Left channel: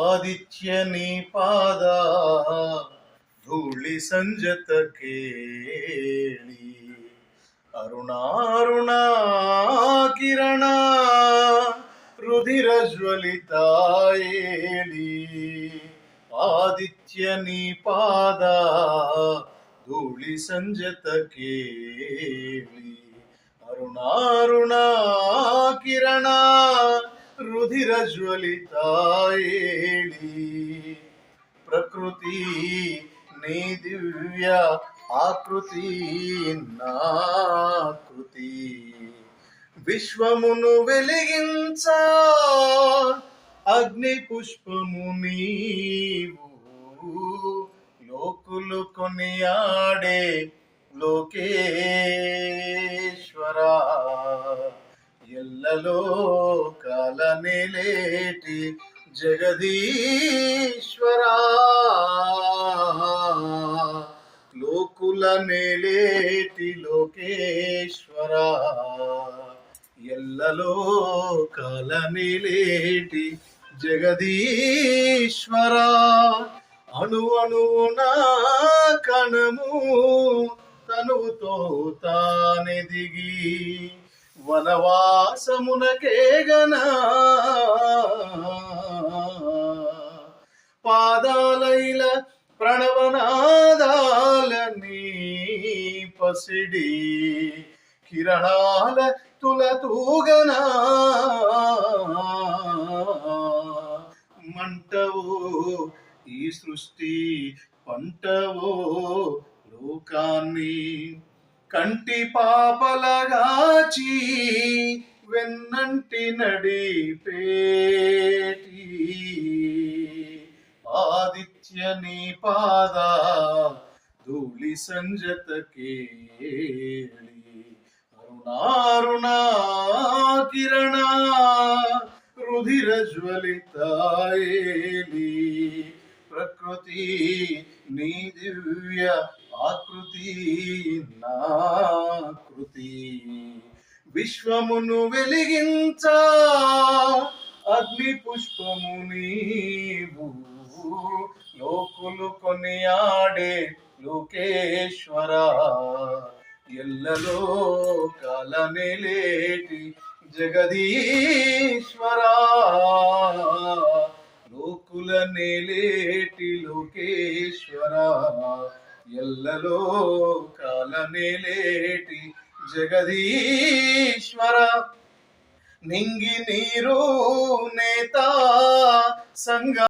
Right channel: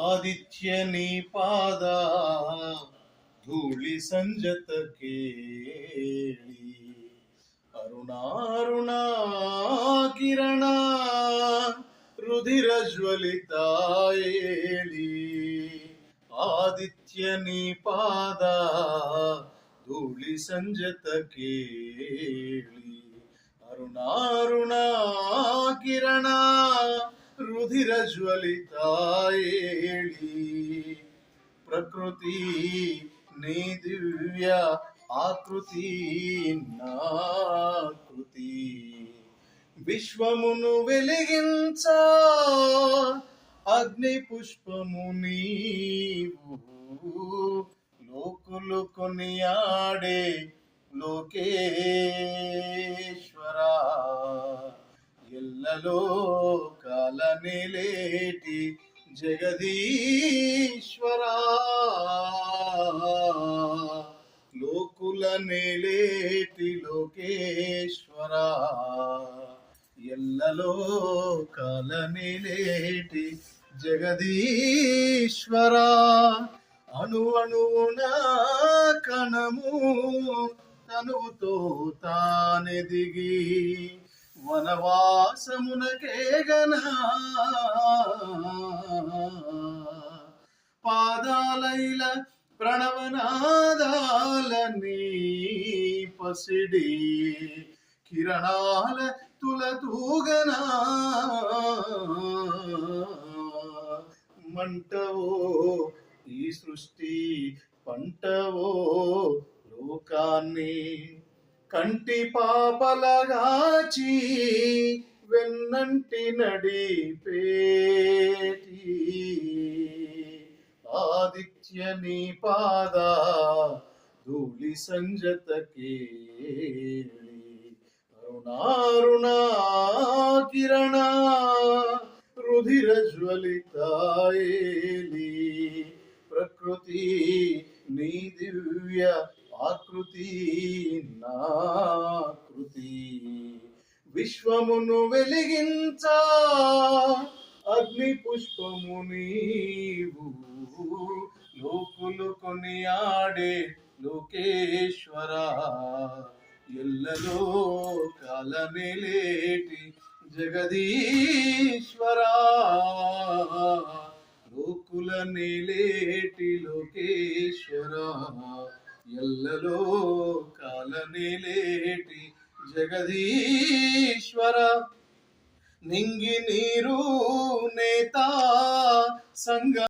ಆದಿತ್ಯ ನೀ ಪಾದ ಧೂಳಿ ಸಂಜತ ಕೇಳಿ ಅರುಣಾರುಣ ಕಿರಣ ರುಧಿರ ಜ್ವಲಿತ ಏಳಿ ಆದಿತ್ಯ ನೀ ಪಾದ ಧೂಳಿ ಸಂಜತ ಕೇಳಿ ಅರುಣಾರುಣ ಕಿರಣ ರುಧಿರ ಜ್ವಲಿತ ಏಳಿ ప్రకృతి నీ దివ్య ఆకృతి నాకృతి విశ్వమును వెలిగించ అగ్ని పుష్పము నీవు లోకులు కొనియాడే లోకేశ్వరా ఎల్లలో కాలనేలేటి జగదీశ్వరా లోకుల నేలేటి లోకేశ్వరా ఎల్లలో కాలనేలేటి జగదీశ్వరా అణు అణువున కణము తనువుతో తానెదిగి వనవాసమునకేగనా పాదాలైల ప్రణవనాదాలని పసిడి కిరణాల తులతూగనా మంటవో ఈ సృష్టి పంటవో లోకాన్ని కంటి పాపలగాచి వెన్నంటి నడిపేటి ఆదిత్య నీ పాద ధూళి సంజత కేళి అరుణారుణ కిరణ రుధిర జ్వలిత ఏలి ప్రకృతి నీ దివ్య ఆకృతి నాకృతి విశ్వమును వెలిగించ అగ్ని పుష్పము నీవు లోకులు కొనియాడే లోకేశ్వరా ఎల్లలో కాలనేలేటి జగదీశ్వరా లోకుల నేలేటి లోకేశ్వరా ఎల్లలో కాలనేలేటి జగదీశ్వర నింగి నీరు నేత సంగ